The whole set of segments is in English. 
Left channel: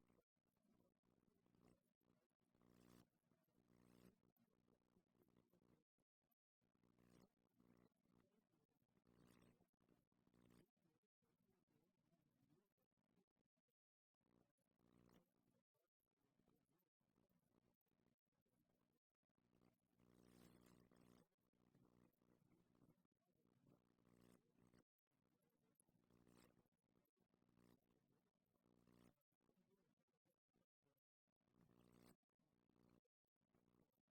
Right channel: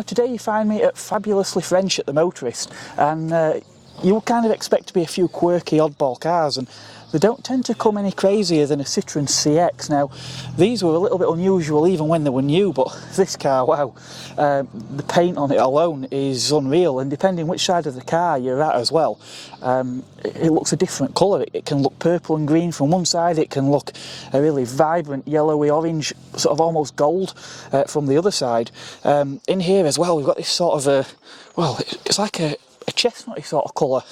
Now today you find me at Fabulously French at the Motorist, and you would kind of expect to be a few quirky oddball cars, and they don't tend to come any crazier than a Citroen CX. Now these were a little bit unusual even when they were new, but this car, wow, the paint on it alone is unreal, and depending which side of the car you're at as well, it looks a different colour. It can look purple and green from one side, it can look a really vibrant yellowy orange, sort of almost gold from the other side. In here as well we've got this sort of a, well, it's like a chestnutty sort of colour,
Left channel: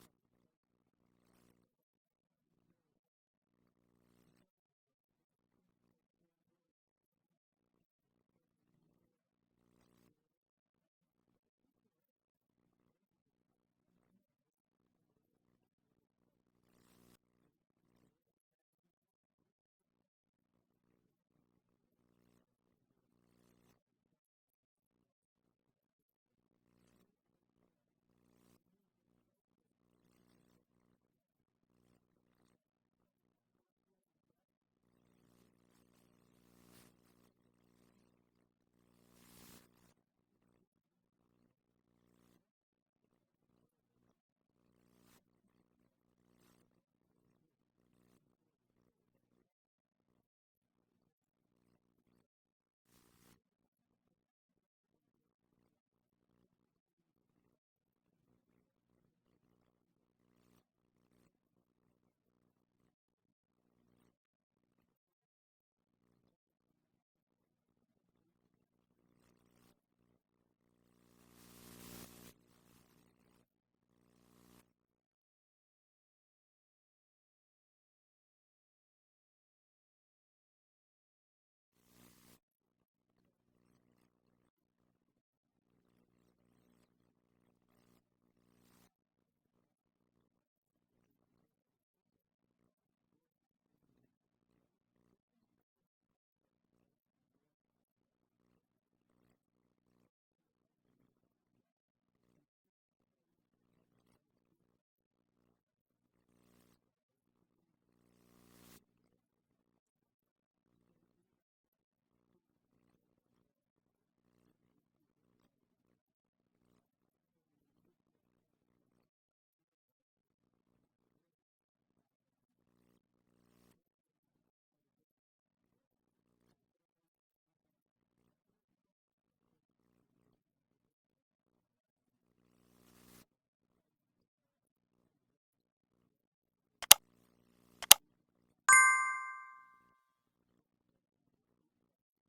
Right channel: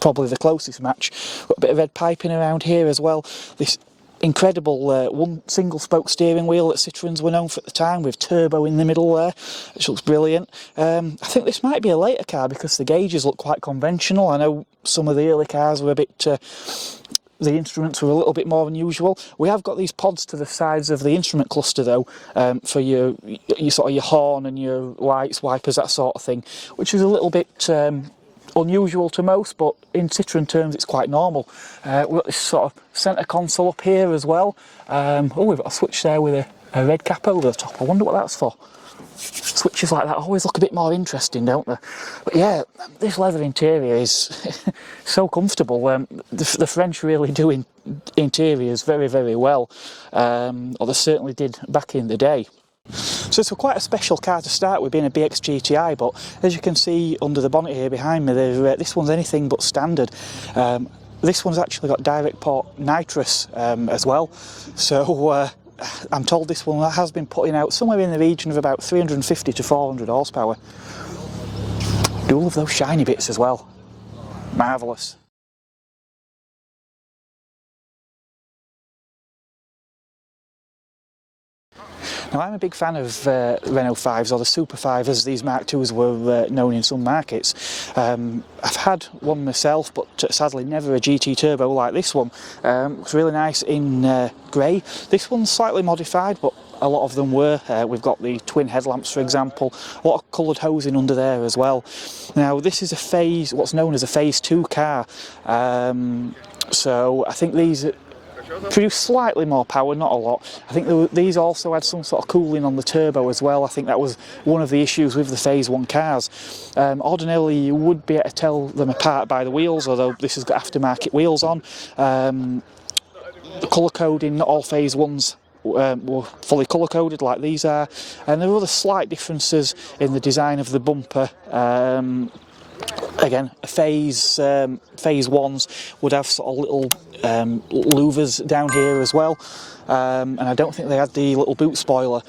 probably the closest match. Got a bit of red piping around here as well. This incredible one single spoke steering wheel that Citroens were known for at the time, with turbo in the middle there, which looks brilliant. I think this might be a later car because the gauges look quite conventional. I know some of the early cars were a bit the instruments were a little bit more unusual. We have got these pods to the sides of the instrument cluster though, for your sort of your horn and your lights, wipers, that sort of thing, which is a little bit unusual to most, but in Citroen terms it's quite normal. We've got this sort of centre console up here as well. Oh, we've got a switch there with a red cap over the top. I wonder what that's for. Switches like that always look a bit more interesting, don't they? But yeah, this leather interior is so comfortable. The French really do interiors very, very well, or they certainly did back in the day. So it's quite a special car to start with, being a BX GTI, but as you can see under the bonnet here behind me, this one's anything but standard. This one's actually got direct port nitrous as well, so I'm told this one has been putting out somewhere in the region of about 350 to 400 horsepower. Do love those shiny bits as well. Marvellous. Now I'm a big fan of Renault 5s, or the Super 5 as these Mark IIs were known in some markets. I've had one myself, but sadly never a GT Turbo like this one. It's really nice in grey. This one's slightly modified, but a lot of them were. We've got the twin headlamps, for example, a lot of coloured hosing under there as well. Now this is a what's known as a Phase 2 car, so I think these produce slightly more power, not a lot. I think these also had some sort of cooling on the turbo as well. I think that was one of the issues with the Phase 1 cars. Ordinarily you would be able to tell them apart by the wheels, although this has got aftermarket wheels on. The colour coding, not all Phase 1s were fully colour coded like these are, and there were other slight differences in the design of the bumper. Again, Phase 1s would have sort of little louvers down here as well, and I don't think they had the little boot spoiler.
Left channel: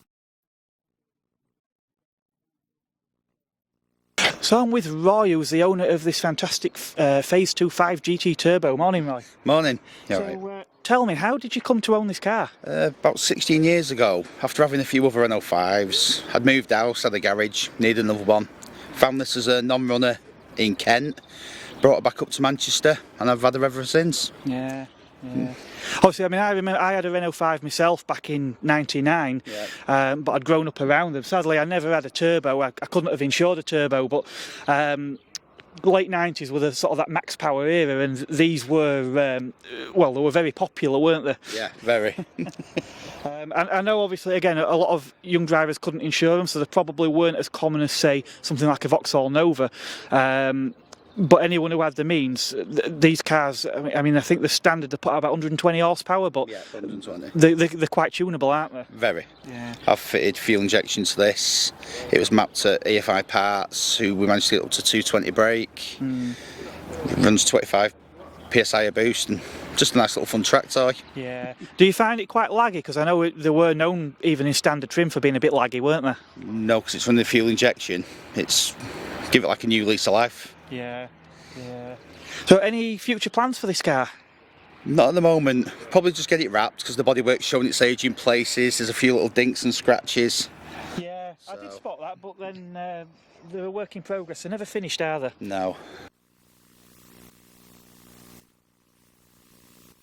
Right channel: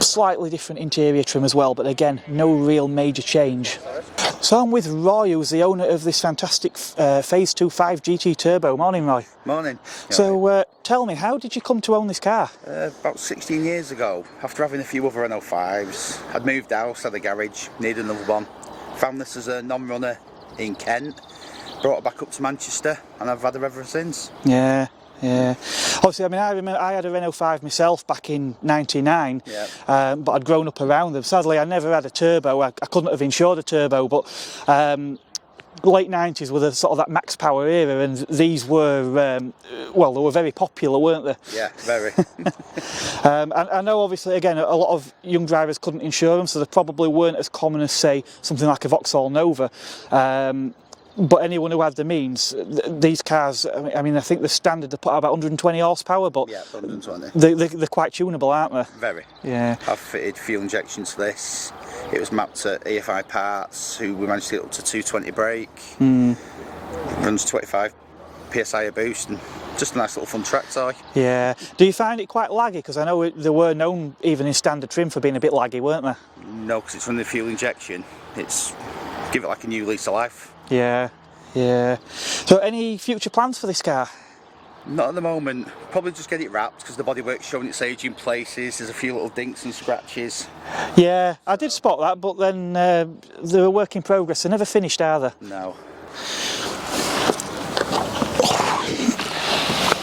Slightly different interior trim as well, but again, no real major change. So I'm with Roy, who's the owner of this fantastic Phase 2 5 GT Turbo. Morning, Roy. Morning. So tell me, how did you come to own this car? About 16 years ago, after having a few other Renault 5s, I'd moved house, had a garage, needed another one. Found this as a non-runner in Kent, brought it back up to Manchester, and I've had her ever since. Yeah. Obviously, I mean, I remember I had a Renault 5 myself back in '99, but I'd grown up around them. Sadly, I never had a turbo. I couldn't have insured a turbo, but late 90s were the sort of that max power era, and these were, well, they were very popular, weren't they? Yeah, very. And I know, obviously, again, a lot of young drivers couldn't insure them, so they probably weren't as common as, say, something like a Vauxhall Nova. But anyone who had the means, these cars, I mean, I think the standard, they put out about 120 horsepower, but yeah, 120. They're quite tunable, aren't they? Very. Yeah. I've fitted fuel injection to this. It was mapped at EFI parts, we managed to get up to 220 brake. Runs 25 PSI a boost, and just a nice little fun track toy. Yeah. Do you find it quite laggy? Because I know they were known, even in standard trim, for being a bit laggy, weren't they? No, because it's running the fuel injection. It's give it like a new lease of life. Yeah. So any future plans for this car? Not at the moment. Probably just get it wrapped, because the bodywork's showing its age in places. There's a few little dinks and scratches. Yeah, I did spot that, but then they're a work in progress. They're never finished, are they? No.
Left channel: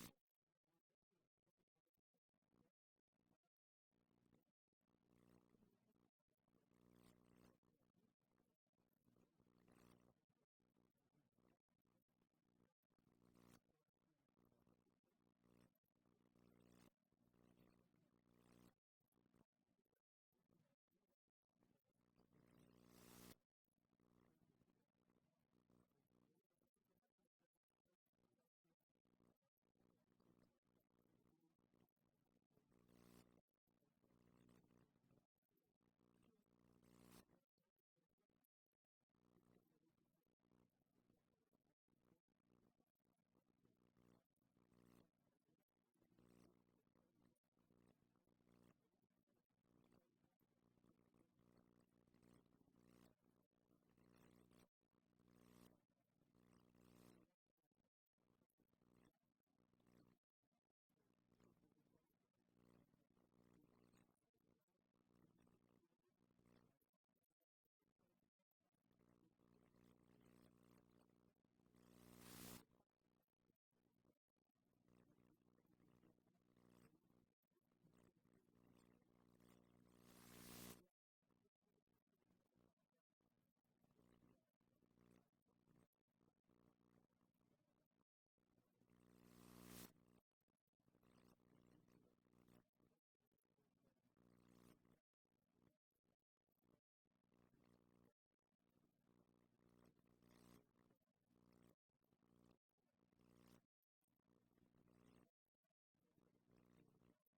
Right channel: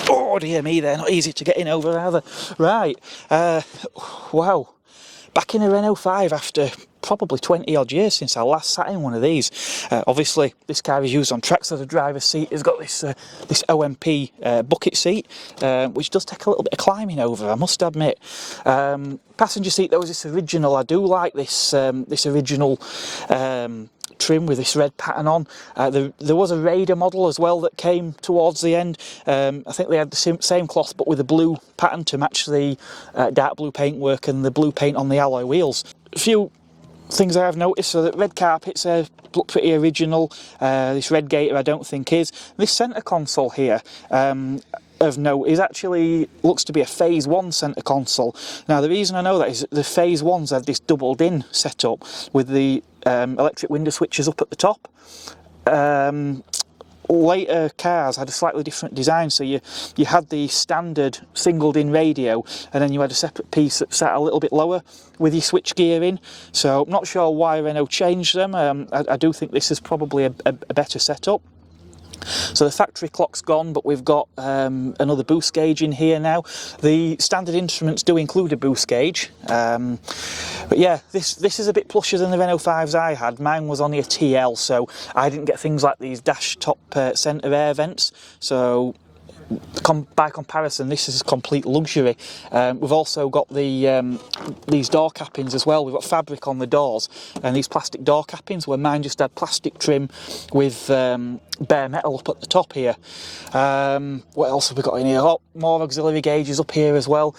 Oh dear me, they're not easy to get in over, are they? Right, wow. Back in a Renault 5 after probably 20 odd years since I last sat in one of these. Obviously this car is used on tracks, so the driver's seat has got this this OMP bucket seat, which does take a little bit of climbing over, I must admit. Passenger seat though is this original. I do like this this original trim with this red pattern on. There was a Raider model as well that came towards the end. I think they had the same cloth but with a blue pattern to match the dark blue paintwork and the blue paint on the alloy wheels. A few things I have noticed, so that red carpets look pretty original. This red gator I don't think is. This centre console here of note is actually looks to be a phase 1 centre console. Now the reason I know that is that the phase 1s have this doubled in setup with the electric window switches up at the top. Later cars had a slightly different design, so you had the standard singled in radio and then you had a separate piece that sat a little bit lower with your switch gear in. So I'm not sure why Renault changed them. I do think this is probably a better setup. So the factory clock's gone, but we've got another boost gauge in here now. The standard instruments do include a boost gauge, but yeah, this is a bit plusher than the Renault 5s I had. Mine was only a TL, so I didn't get things like these dash top centre air vents. So by comparison, this is complete luxury. We've also got the these door cappings as well. We've got fabric on the doors and these plastic door cappings, where mine just had plastic trim with bare metal up at the top here. What else have we got in here? A lot more auxiliary gauges up here as well.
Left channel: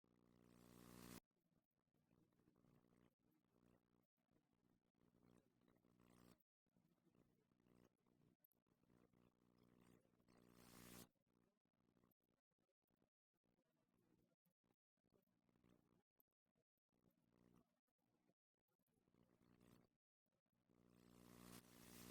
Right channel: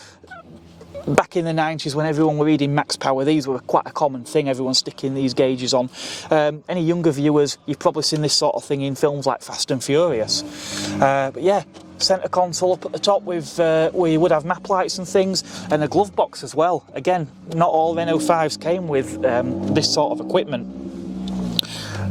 Back in the 90s, when everyone were reading max power, these were quite a common thing, everyone sticking these gauges on. Any younger viewers, you've probably seen this sort of thing in films like Fast and Furious. But yeah, centre console up at the top with where you would have map lights and things, and a glove box as well. Again, not all Renault 5s came with this sort of equipment.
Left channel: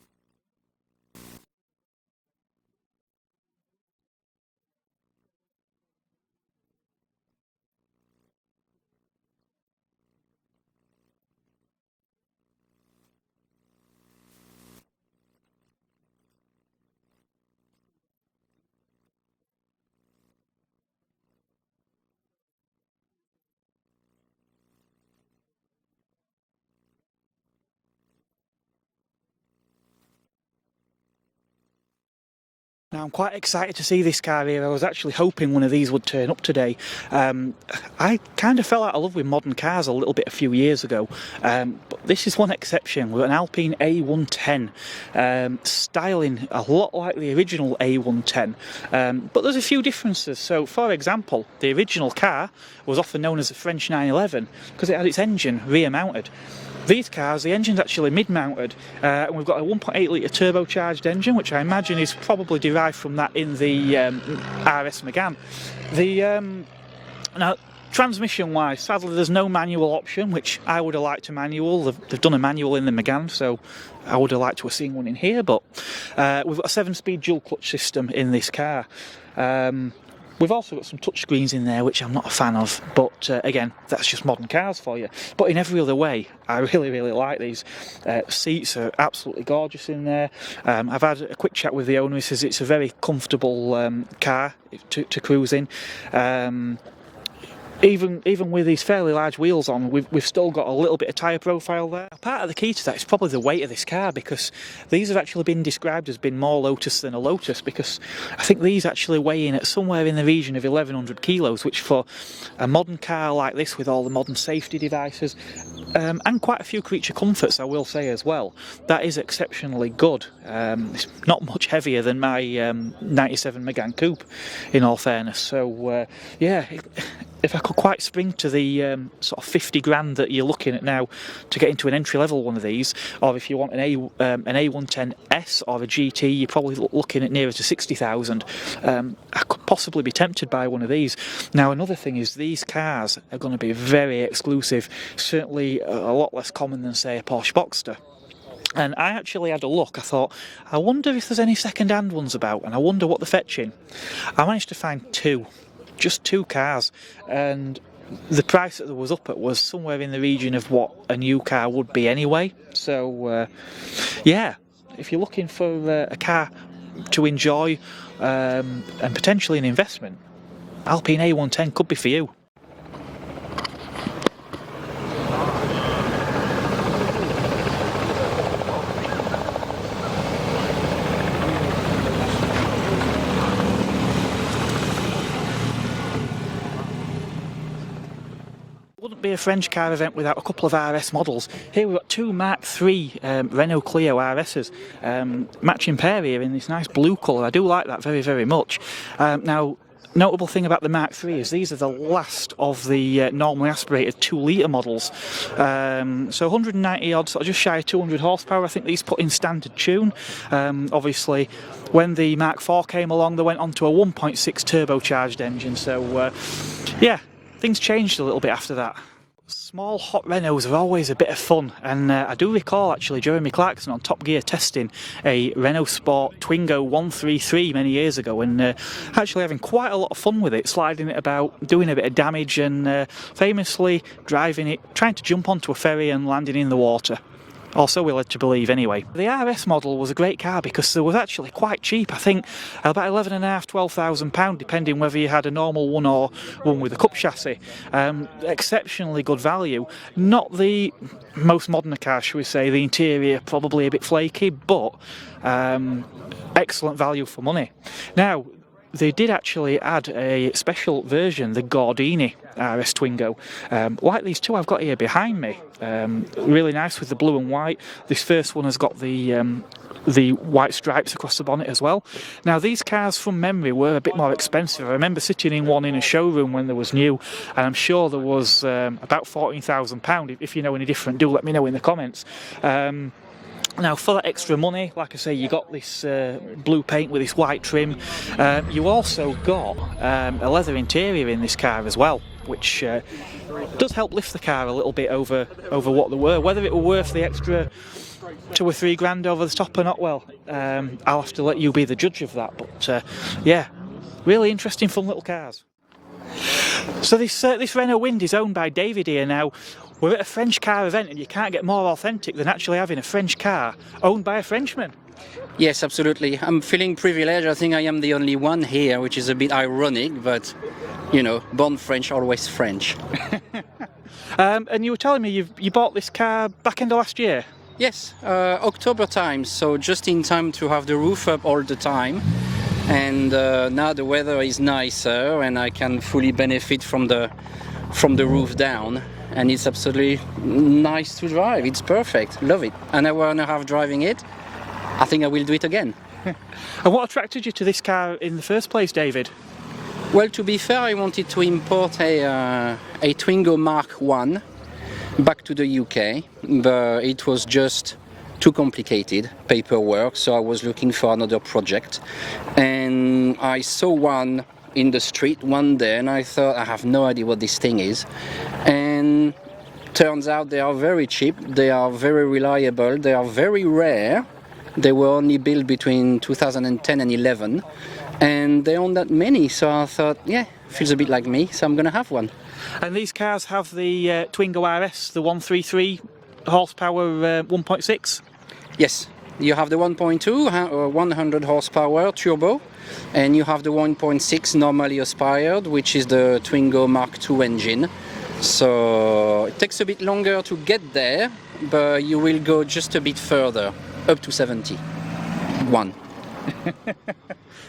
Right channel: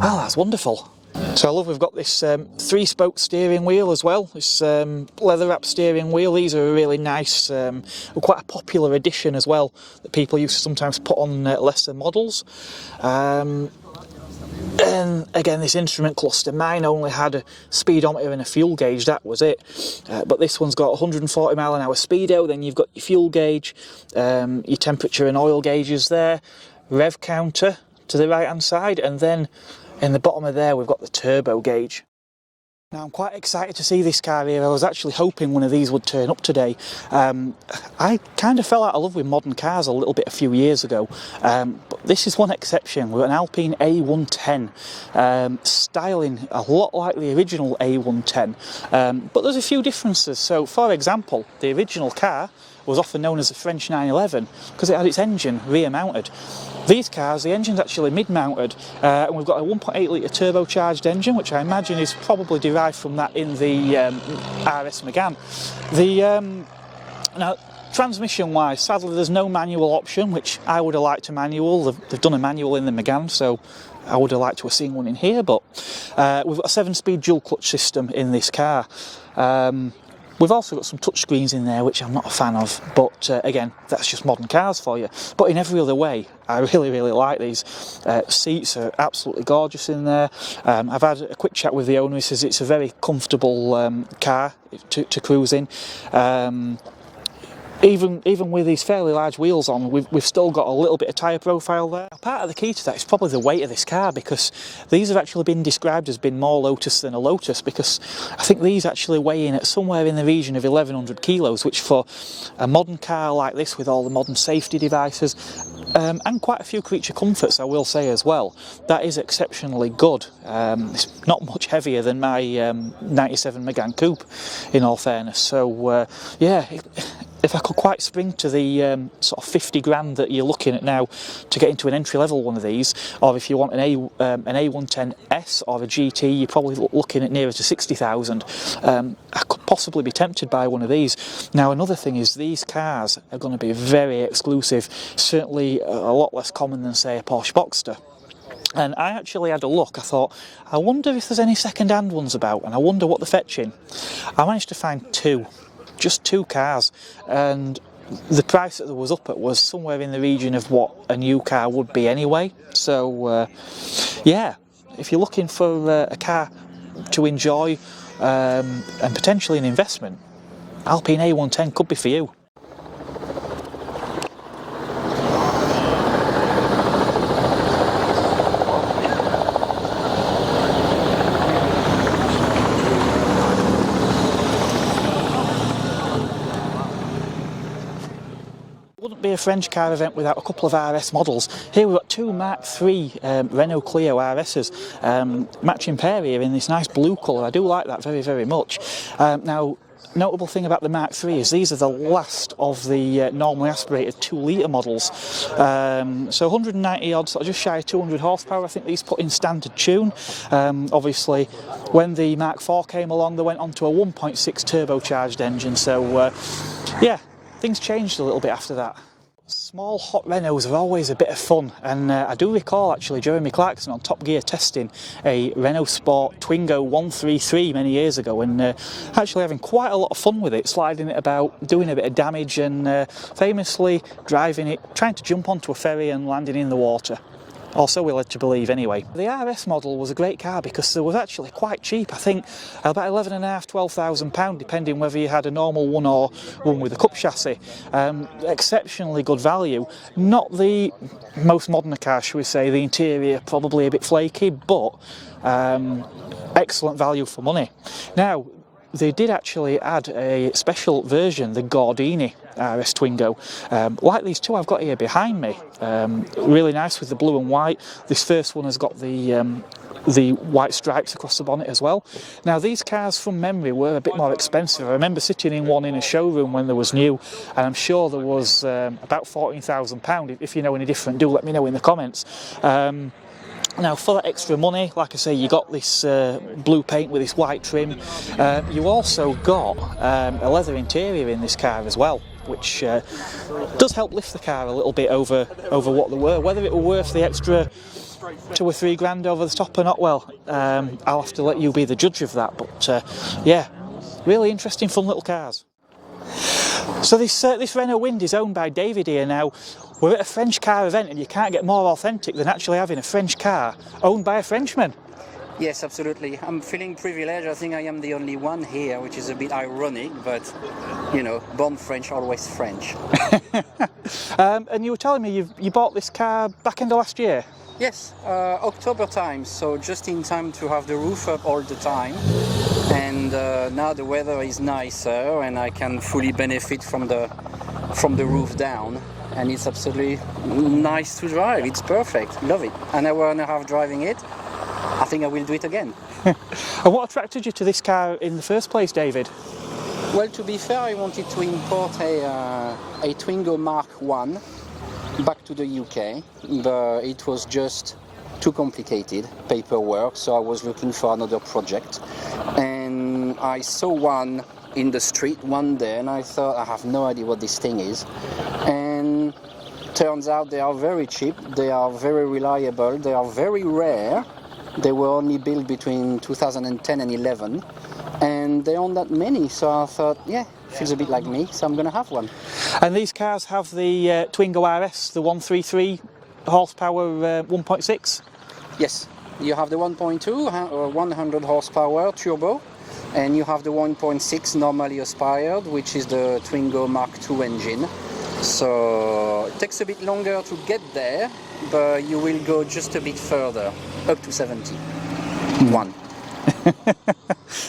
Oh, that's wonderful. So I love we've got this 3-spoke steering wheel as well, this leather wrap steering wheel. These are a really nice, quite a popular addition as well, that people used to sometimes put on lesser models. And again, this instrument cluster, mine only had a speedometer and a fuel gauge, that was it. But this one's got 140 mile an hour speedo, then you've got your fuel gauge, your temperature and oil gauges there, rev counter to the right hand side, and then in the bottom of there we've got the turbo gauge. Now I'm quite excited to see this car here. I was actually hoping one of these would turn up today. I kind of fell out of love with modern cars a little bit a few years ago, but this is one exception. We've got an Alpine A110, styling a lot like the original A110, but there's a few differences. So for example, the original car was often known as a French 911 because it had its engine rear mounted. These cars, the engine's actually mid-mounted, and we've got a 1.8 litre turbocharged engine, which I imagine is probably derived from that in the RS Megane. Now, transmission-wise, sadly there's no manual option, which I would have liked a manual. They've done a manual in the Megane, so I would have liked to have seen one in here, but we've got a 7-speed dual clutch system in this car. We've also got some touchscreens in there, which I'm not a fan of, but again, that's just modern cars for you. But in every other way, I really, really like these. Seats are absolutely gorgeous in there. I've had a quick chat with the owner. He says it's a very comfortable car to cruise in. Even with these fairly large wheels on, we've still got a little bit of tyre profile there. Part of the key to that is probably the weight of this car, because these have actually been described as being more Lotus than a Lotus, because I think these actually weigh in at somewhere in the region of 1,100 kilos, which for a modern car like this, with all the modern safety devices, and quite a few creature comforts, I will say as well, that is exceptionally good. It's not much heavier than my 97 Megane Coupe, in all fairness. So yeah, if I could quite spring to the sort of 50 grand that you're looking at now to get into an entry-level one of these, or if you want an A110S or a GT, you're probably looking at nearer to 60,000. I could possibly be tempted by one of these. Now, another thing is these cars are going to be very exclusive, certainly a lot less common than, say, a Porsche Boxster. And I actually had a look. I thought, I wonder if there's any second-hand ones about, and I wonder what they're fetching. I managed to find two. Just two cars, and the price that there was up at was somewhere in the region of what a new car would be anyway. So yeah, if you're looking for a car to enjoy and potentially an investment, Alpine A110 could be for you. wouldn't be a French car event without a couple of RS models. Here we've got two Mark III Renault Clio RS's, matching pair here in this nice blue colour. I do like that very, very much. Now, notable thing about the Mark III is these are the last of the normally aspirated 2-litre models. So 190 odd, sort of just shy of 200 horsepower, I think these put in standard tune. Obviously, when the Mark IV came along, they went onto a 1.6 turbocharged engine, so yeah, things changed a little bit after that. Small hot Renaults are always a bit of fun, and I do recall actually Jeremy Clarkson on Top Gear testing a Renault Sport Twingo 133 many years ago, and actually having quite a lot of fun with it, sliding it about, doing a bit of damage, and famously driving it, trying to jump onto a ferry and landing in the water. Or so we're led to believe anyway. The RS model was a great car because it was actually quite cheap. I think about £11,500–12,000, depending whether you had a normal one or one with a cup chassis. Exceptionally good value. Not the most modern car, shall we say. The interior probably a bit flaky, but excellent value for money. Now, they did actually add a special version, the Gordini RS Twingo, like these two I've got here behind me. Really nice with the blue and white. This first one has got the white stripes across the bonnet as well. Now, these cars from memory were a bit more expensive. I remember sitting in one in a showroom when they was new, and I'm sure there was about £14,000. If you know any different, do let me know in the comments. Now, for that extra money, like I say, you got this blue paint with this white trim. You also got a leather interior in this car as well, which does help lift the car a little bit over what they were. Whether it were worth the extra £2 or £3 grand over the top or not, well, I'll have to let you be the judge of that. But yeah, really interesting, fun little cars. So this Renault Wind is owned by David here. Now, we're at a French car event, and you can't get more authentic than actually having a French car owned by a Frenchman. Yes, absolutely. I'm feeling privileged. I think I am the only one here, which is a bit ironic, but, you know, born French, always French. And you were telling me you bought this car back end of last year? Yes, October time, so just in time to have the roof up all the time. And now the weather is nicer, and I can fully benefit from the roof down. And it's absolutely nice to drive. It's perfect. Love it. An hour and a half driving it. I think I will do it again. And what attracted you to this car in the first place, David? Well, to be fair, I wanted to import a Twingo Mark I back to the UK, but it was just too complicated paperwork, so I was looking for another project. And I saw one in the street one day, and I thought, I have no idea what this thing is. And turns out they are very cheap, they are very reliable, they are very rare. They were only built between 2010 and 11, and there aren't that many, so I thought, yeah, feels a bit like me, so I'm gonna have one. And these cars have the Twingo RS, the 133 horsepower 1.6? Yes, you have the 1.2 100 horsepower turbo, and you have the 1.6 normally aspired, which is the Twingo Mark II engine. So it takes a bit longer to get there, but you will go just a bit further, up to 71.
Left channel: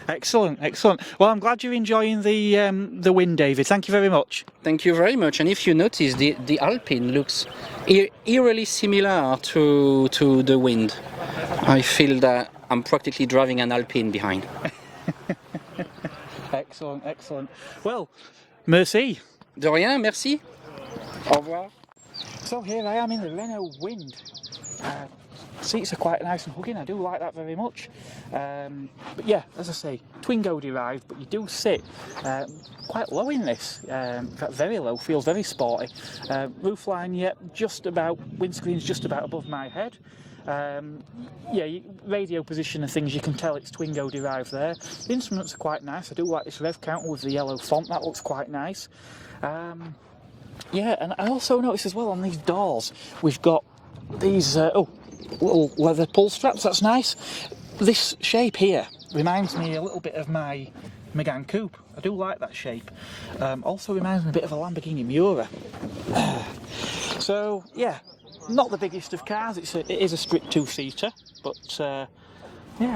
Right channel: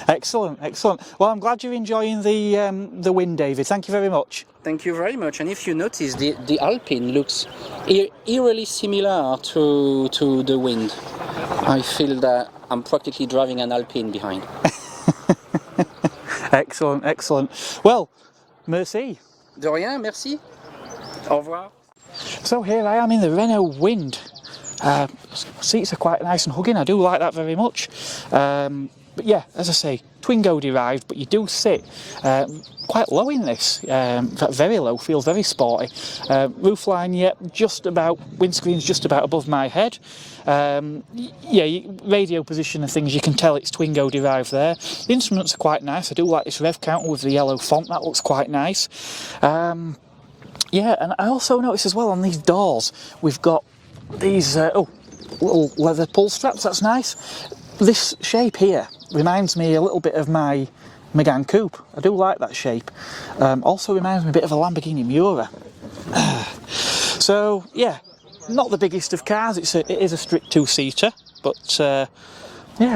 Excellent, excellent. Well, I'm glad you're enjoying the Wind, David. Thank you very much. Thank you very much. And if you notice, the Alpine looks eerily similar to the Wind. I feel that I'm practically driving an Alpine behind. Excellent, excellent. Well, merci. De rien, merci. Au revoir. So here I am in the Renault Wind. Seats are quite nice and hugging, I do like that very much. But yeah, as I say, Twingo derived, but you do sit quite low in this, very low, feels very sporty. Roofline, yeah, just about, windscreen's just about above my head. Yeah, radio position and things, you can tell it's Twingo derived there. The instruments are quite nice, I do like this rev counter with the yellow font, that looks quite nice. Yeah, and I also noticed as well on these doors, we've got these little leather pull straps, that's nice. This shape here reminds me a little bit of my Megane Coupe. I do like that shape. Also reminds me a bit of a Lamborghini Miura. So yeah, not the biggest of cars, it is a strict two-seater, but yeah,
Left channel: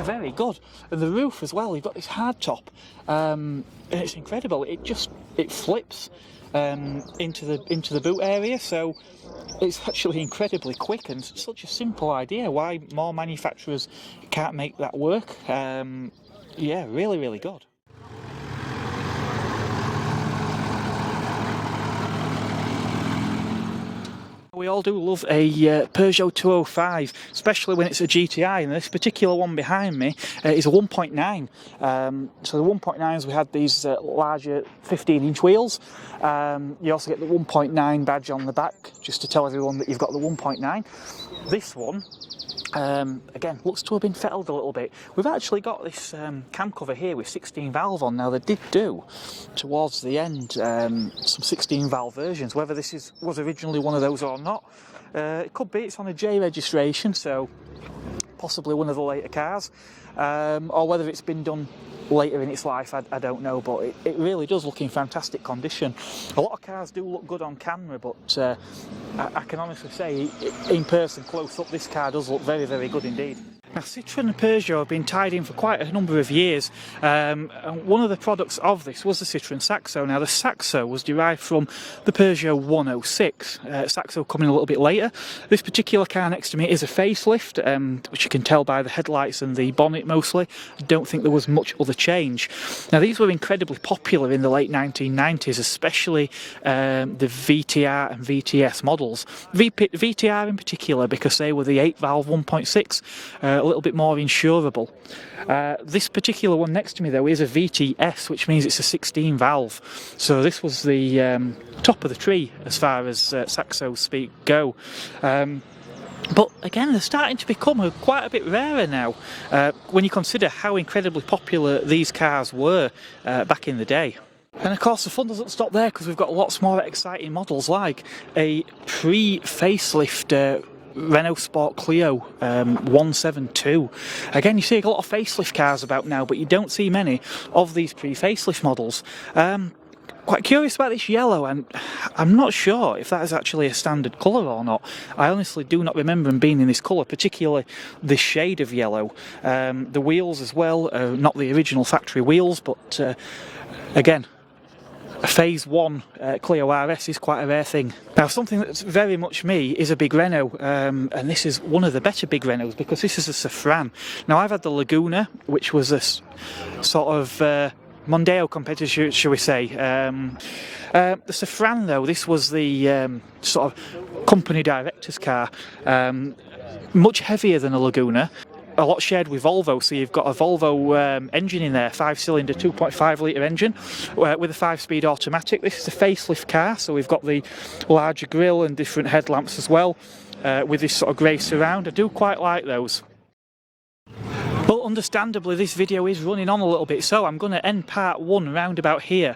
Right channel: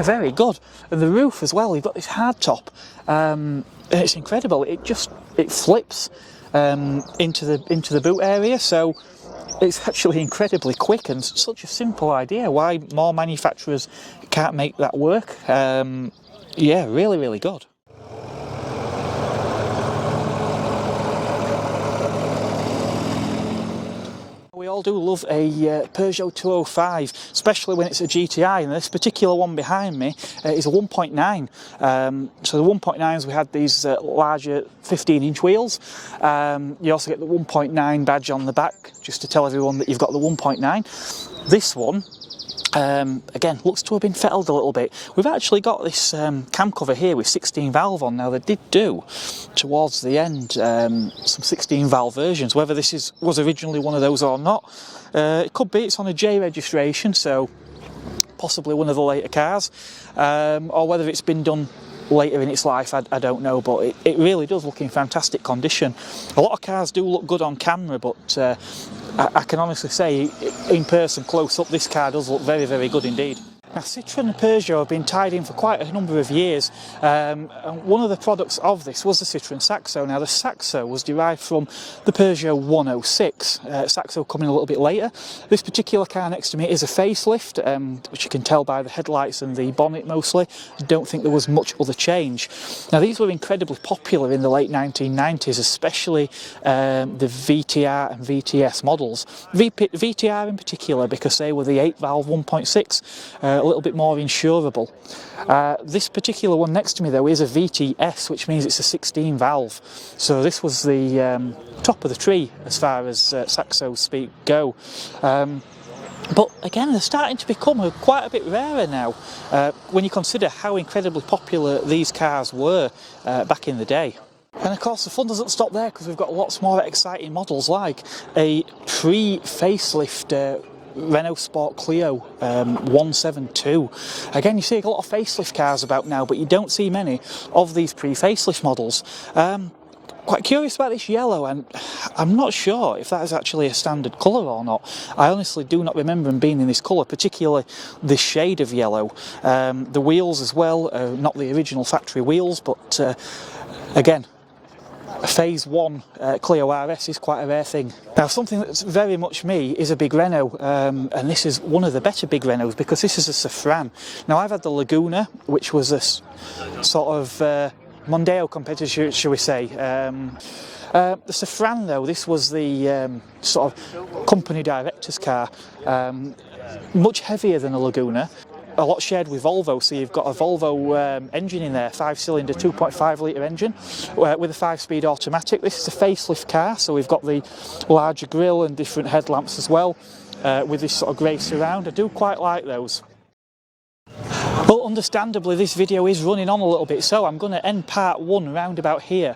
very good. And the roof as well, you've got this hard top. It's incredible, it flips. into the boot area, so it's actually incredibly quick and such a simple idea. Why more manufacturers can't make that work? Yeah, really good. We all do love a Peugeot 205, especially when it's a GTI, and this particular one behind me is a 1.9. So the 1.9s, we had these larger 15-inch wheels. You also get the 1.9 badge on the back, just to tell everyone that you've got the 1.9. This one, again, looks to have been fettled a little bit. We've actually got this cam cover here with 16 valve on. Now, they did do, towards the end, some 16 valve versions. Whether this was originally one of those or not, it could be. It's on a J registration, so possibly one of the later cars, or whether it's been done later in its life, I don't know, but it really does look in fantastic condition. A lot of cars do look good on camera, but I can honestly say, in person, close up, this car does look very good indeed. Now, Citroen and Peugeot have been tied in for quite a number of years, and one of the products of this was the Citroen Saxo. Now, the Saxo was derived from the Peugeot 106, Saxo coming a little bit later. This particular car next to me is a facelift, which you can tell by the headlights and the bonnet mostly. I don't think there was much other change. Now, these were incredibly popular in the late 1990s, especially the VTR and VTS models. VTR in particular, because they were the 8-valve 1.6, a little bit more insurable. This particular one next to me though is a VTS, which means it's a 16 valve. So this was the top of the tree as far as Saxo speak go. But again, they're starting to become quite a bit rarer now, when you consider how incredibly popular these cars were back in the day. And of course the fun doesn't stop there, because we've got lots more exciting models, like a pre-facelift Renault Sport Clio 172. Again, you see a lot of facelift cars about now, but you don't see many of these pre-facelift models. Quite curious about this yellow, and I'm not sure if that is actually a standard colour or not. I honestly do not remember them being in this colour, particularly this shade of yellow. The wheels as well, not the original factory wheels, but again, a Phase 1 Clio RS is quite a rare thing. Now, something that's very much me is a big Renault, and this is one of the better big Renaults, because this is a Safran. Now, I've had the Laguna, which was a sort of Mondeo competitor, shall we say. The Safran, though, this was the sort of company director's car, much heavier than a Laguna. A lot shared with Volvo, so you've got a Volvo engine in there, 5-cylinder 2.5 litre engine with a 5-speed automatic. This is a facelift car, so we've got the larger grille and different headlamps as well, with this sort of grey surround. I do quite like those. Well, understandably, this video is running on a little bit, so I'm going to end part 1 round about here.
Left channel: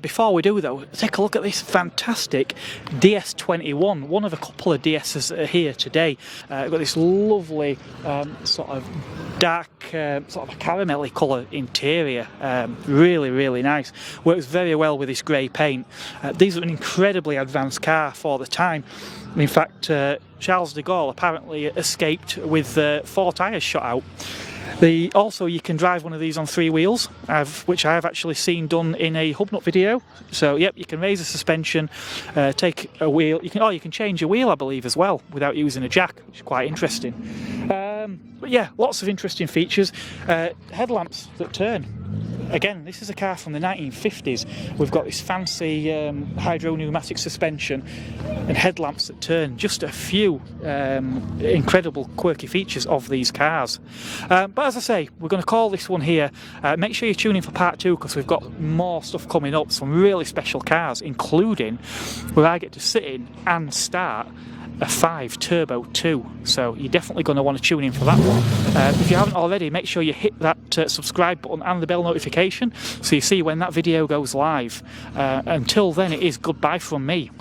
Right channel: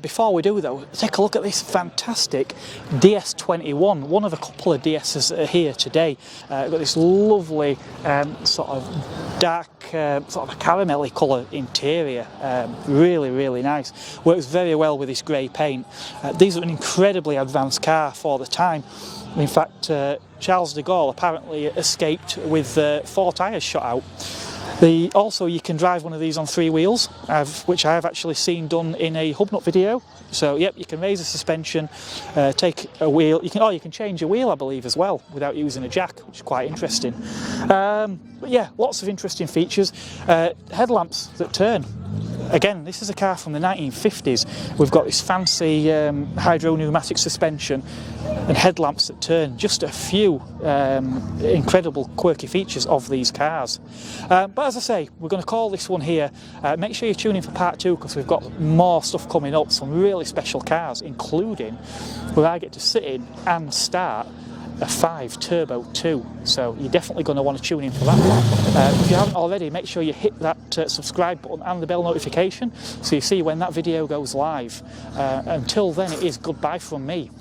Before we do, though, take a look at this fantastic DS21, one of a couple of DSs that are here today. We've got this lovely sort of dark, sort of a caramelly colour interior. Really nice. Works very well with this grey paint. These are an incredibly advanced car for the time. In fact, Charles de Gaulle apparently escaped with 4 tyres shot out. Also, you can drive one of these on 3 wheels, which I have actually seen done in a Hubnut video. So, yep, you can raise the suspension, take a wheel. You can change a wheel, I believe, as well, without using a jack, which is quite interesting. But yeah, lots of interesting features. Headlamps that turn. Again, this is a car from the 1950s. We've got this fancy hydropneumatic suspension and headlamps that turn. Just a few incredible quirky features of these cars. But as I say, we're going to call this one here. Make sure you tune in for part 2, because we've got more stuff coming up, some really special cars, including where I get to sit in and start a 5 Turbo 2, so you're definitely going to want to tune in for that one. If you haven't already, make sure you hit that subscribe button and the bell notification so you see when that video goes live. Until then, it is goodbye from me.